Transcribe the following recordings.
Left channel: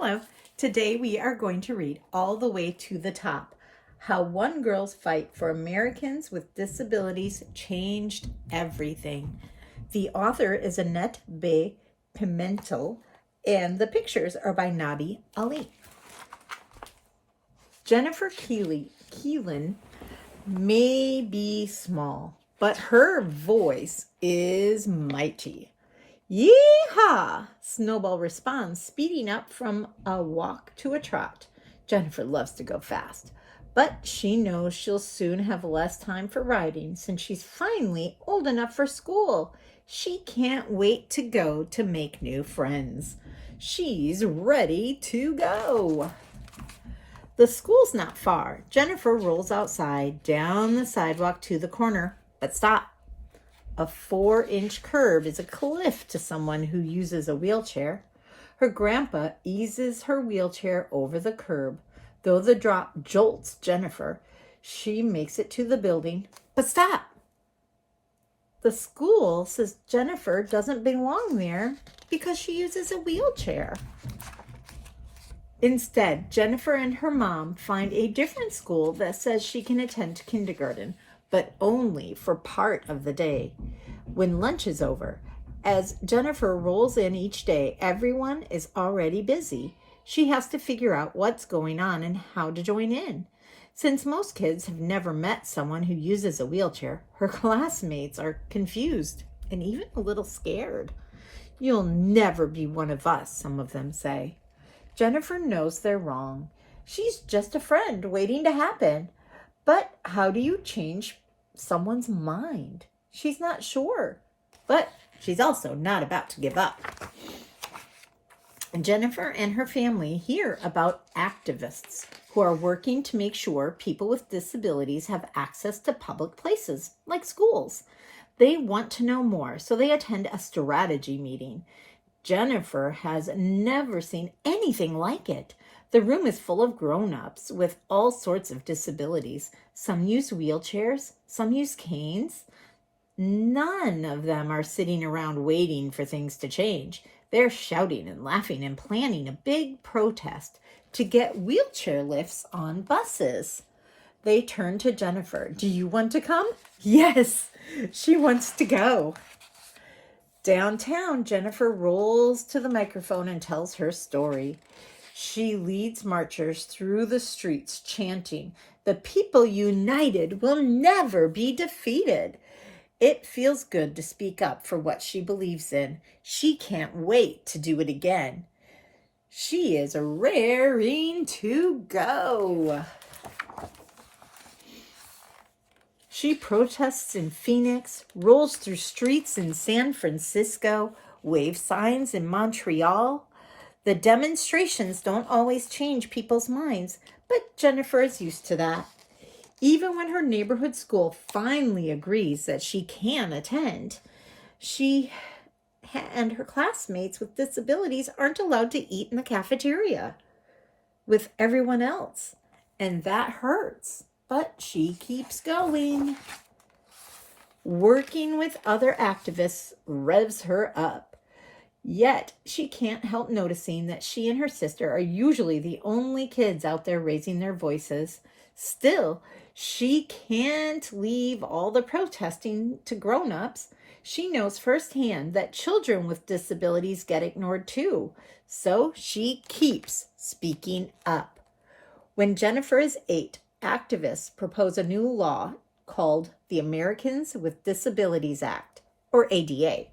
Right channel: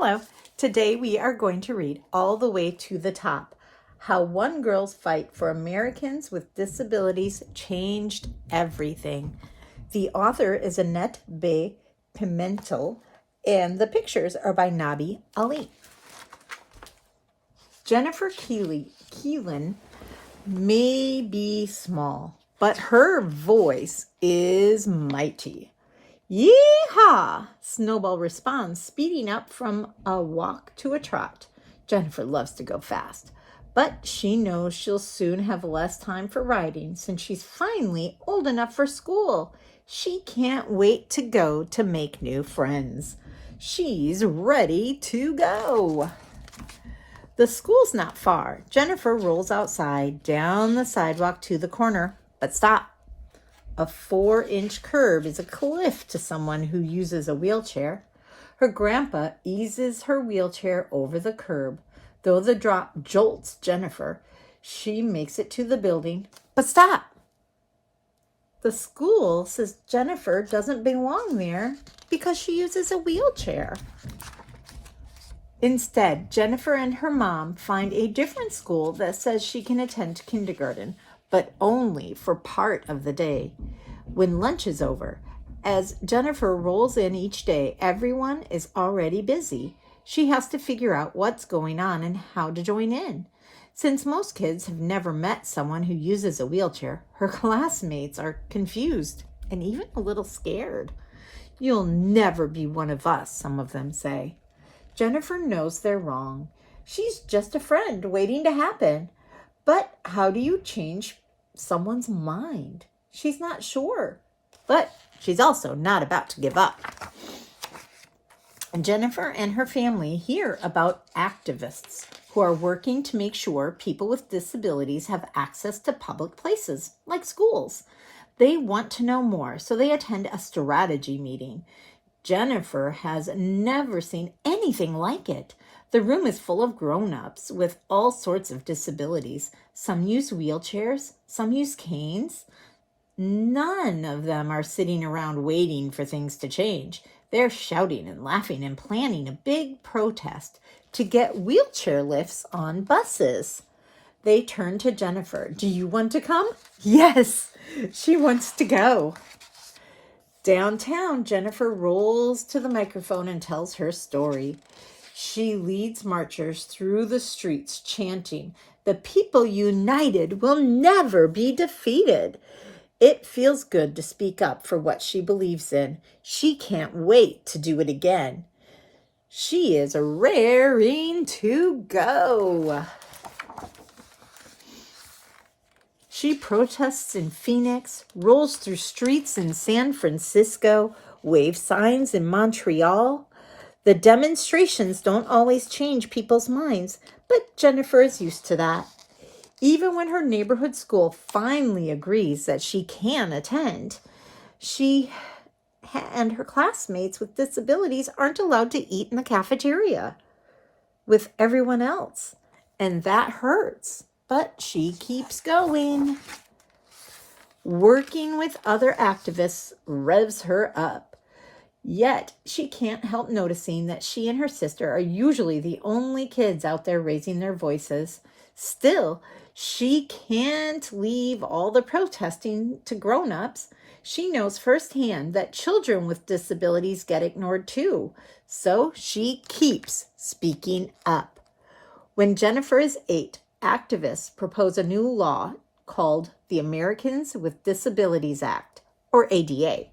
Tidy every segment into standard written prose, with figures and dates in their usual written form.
Hello. Today we are going to read All the Way to the Top, How One Girl's Fight for Americans with Disabilities Changed Everything. The author is Annette B. Pimentel, and the pictures are by Nabi Ali. Jennifer Keelan may be small, but her voice is mighty. Yee-haw! Snowball responds, speeding up from a walk to a trot. Jennifer loves to go fast, but she knows she'll soon have less time for riding since she's finally old enough for school. She can't wait to go to make new friends. She's ready to go. The school's not far. Jennifer rolls outside, down the sidewalk to the corner, but stop. A 4-inch curve is a cliff to someone who uses a wheelchair. Her grandpa eases her wheelchair over the curb. Though the drop jolts Jennifer, she makes it to the building. But stop! The school says Jennifer doesn't belong there because she uses a wheelchair. Instead, Jennifer and her mom find a different school that says she can attend kindergarten, but only for part of the day. When lunch is over, as Jennifer rolls in each day, everyone is already busy. She has to figure out what's going on and how to join in. Since most kids have never met someone who uses a wheelchair, her classmates are confused and even a little scared. "You'll never be one of us," some of them say. Jennifer knows they're wrong. She's just a friend waiting to happen. But how do you change someone's mind? She's not sure, but she's also not about to give up. Jennifer and her family hear about activists who are working to make sure people with disabilities have access to public places like schools. They want to know more, so they attend a strategy meeting. Jennifer has never seen anything like it. The room is full of grown-ups with all sorts of disabilities. Some use wheelchairs, some use canes. None of them are sitting around waiting for things to change. They're shouting and laughing and planning a big protest to get wheelchair lifts on buses. They turn to Jennifer. "Do you want to come?" Yes, she wants to go. Downtown, Jennifer rolls to the microphone and tells her story. She leads marchers through the streets chanting, "The people united will never be defeated." It feels good to speak up for what she believes in. She can't wait to do it again. She is raring to go. She protests in Phoenix, rolls through streets in San Francisco, waves signs in Montreal. The demonstrations don't always change people's minds, but Jennifer is used to that. Even when her neighborhood school finally agrees that she can attend, she and her classmates with disabilities aren't allowed to eat in the cafeteria with everyone else, and that hurts. But she keeps going. Working with other activists revs her up. Yet, she can't help noticing that she and her sister are usually the only kids out there raising their voices. Still, she can't leave all the protesting to grown-ups. She knows firsthand that children with disabilities get ignored too. So she keeps speaking up. When Jennifer is 8, activists propose a new law called the Americans with Disabilities Act, or ADA.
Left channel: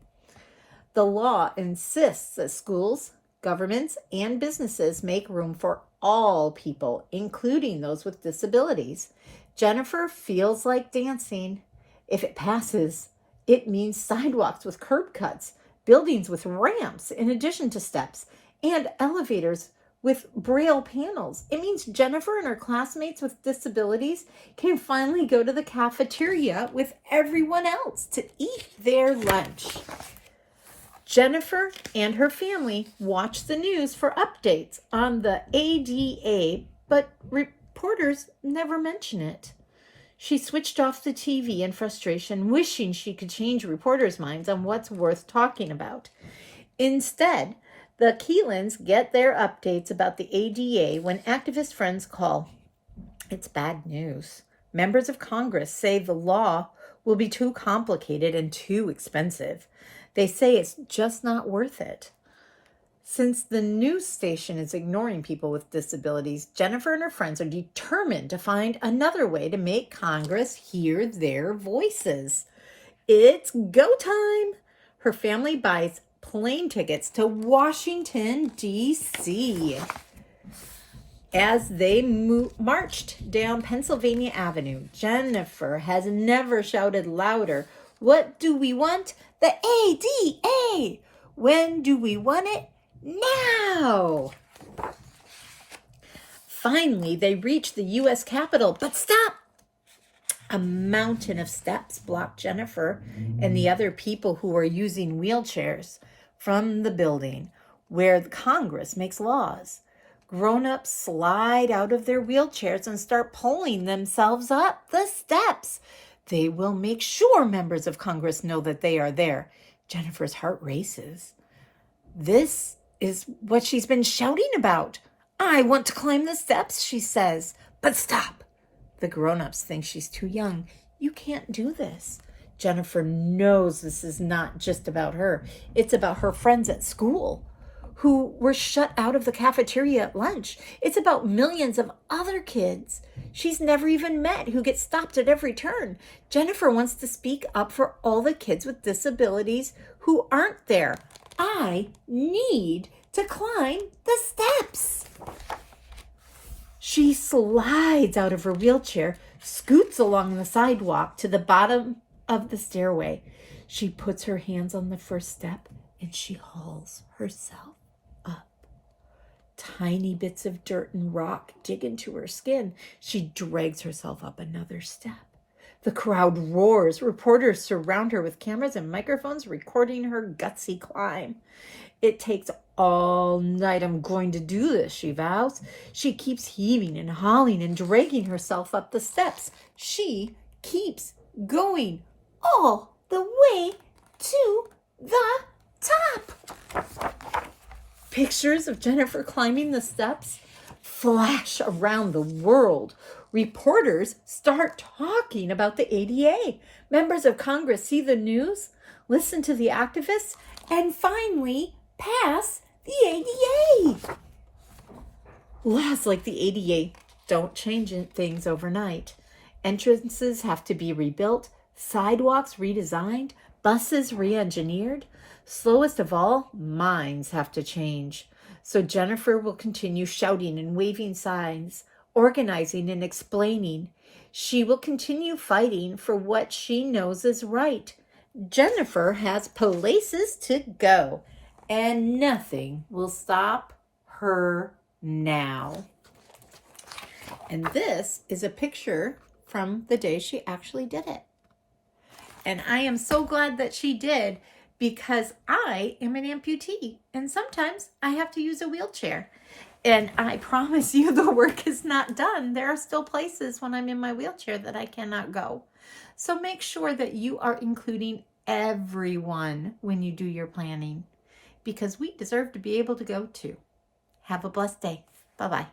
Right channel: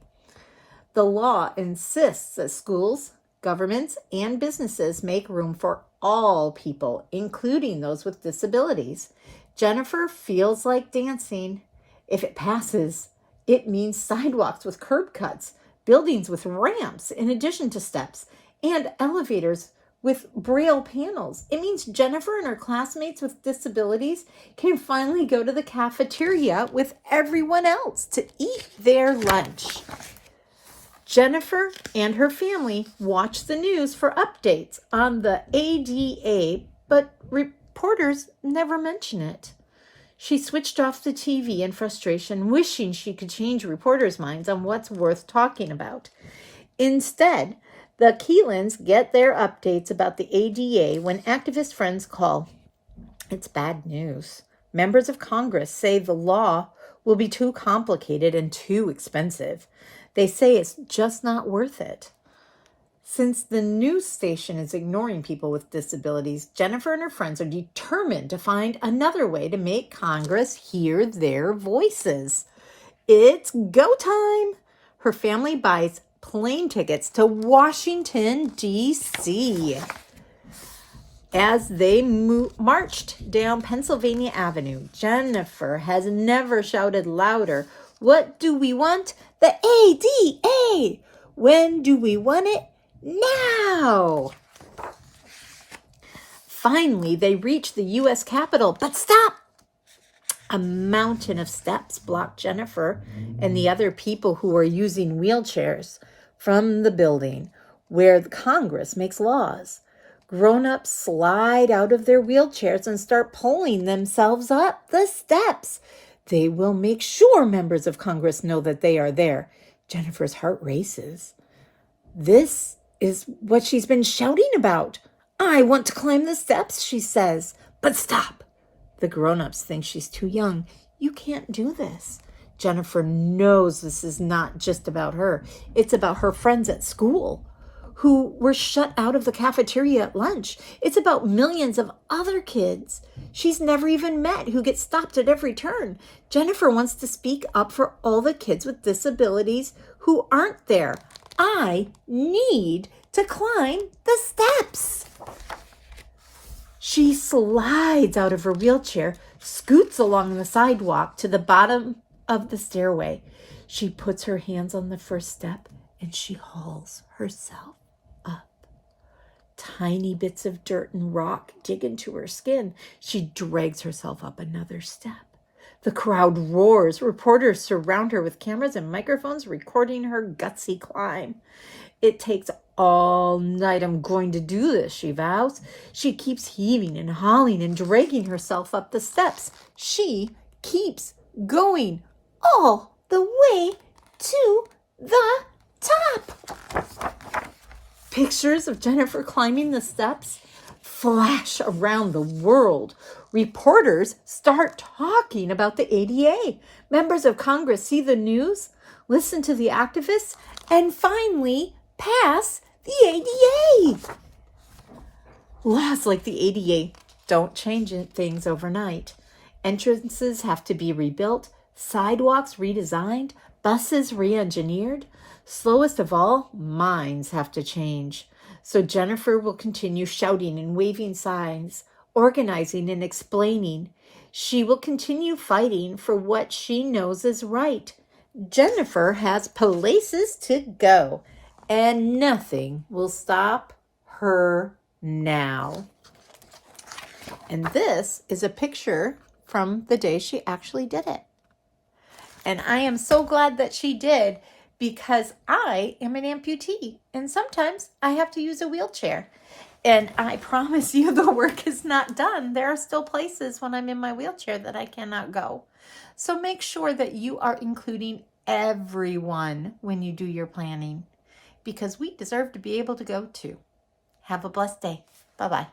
The law insists that schools, governments, and businesses make room for all people, including those with disabilities. Jennifer feels like dancing. If it passes, it means sidewalks with curb cuts, buildings with ramps in addition to steps, and elevators with braille panels. It means Jennifer and her classmates with disabilities can finally go to the cafeteria with everyone else to eat their lunch. Jennifer and her family watch the news for updates on the ADA, but reporters never mention it. She switched off the TV in frustration, wishing she could change reporters' minds on what's worth talking about. Instead, The Keelans get their updates about the ADA when activist friends call. It's bad news. Members of Congress say the law will be too complicated and too expensive. They say it's just not worth it. Since the news station is ignoring people with disabilities, Jennifer and her friends are determined to find another way to make Congress hear their voices. It's go time. Her family buys plane tickets to Washington, D.C. As they marched down Pennsylvania Avenue, Jennifer has never shouted louder, "What do we want? The ADA! When do we want it? Now!" Finally, they reach the U.S. Capitol, but stop! A mountain of steps block Jennifer and the other people who are using wheelchairs from the building where the Congress makes laws. Grown-ups slide out of their wheelchairs and start pulling themselves up the steps. They will make sure members of Congress know that they are there. Jennifer's heart races. This is what she's been shouting about. "I want to climb the steps," she says. But stop. The grown-ups think she's too young. "You can't do this." Jennifer knows this is not just about her. It's about her friends at school who were shut out of the cafeteria at lunch. It's about millions of other kids she's never even met who get stopped at every turn. Jennifer wants to speak up for all the kids with disabilities who aren't there. I need to climb the steps. She slides out of her wheelchair, scoots along the sidewalk to the bottom of the stairway. She puts her hands on the first step and she hauls herself up. Tiny bits of dirt and rock dig into her skin. She drags herself up another step. The crowd roars. Reporters surround her with cameras and microphones recording her gutsy climb. "It takes all night. I'm going to do this," she vows. She keeps heaving and hauling and dragging herself up the steps. She keeps going all the way to the top. Pictures of Jennifer climbing the steps flash around the world. Reporters start talking about the ADA. Members of Congress see the news, listen to the activists, and finally pass the ADA. Laws like the ADA don't change things overnight. Entrances have to be rebuilt, sidewalks redesigned, buses re-engineered. Slowest of all, minds have to change. So Jennifer will continue shouting and waving signs, organizing and explaining. She will continue fighting for what she knows is right. Jennifer has places to go, and nothing will stop her now. And this is a picture from the day she actually did it. And I am so glad that she did, because I am an amputee and sometimes I have to use a wheelchair. And I promise you the work is not done. There are still places when I'm in my wheelchair that I cannot go. So make sure that you are including everyone when you do your planning, because we deserve to be able to go too. Have a blessed day. Bye-bye.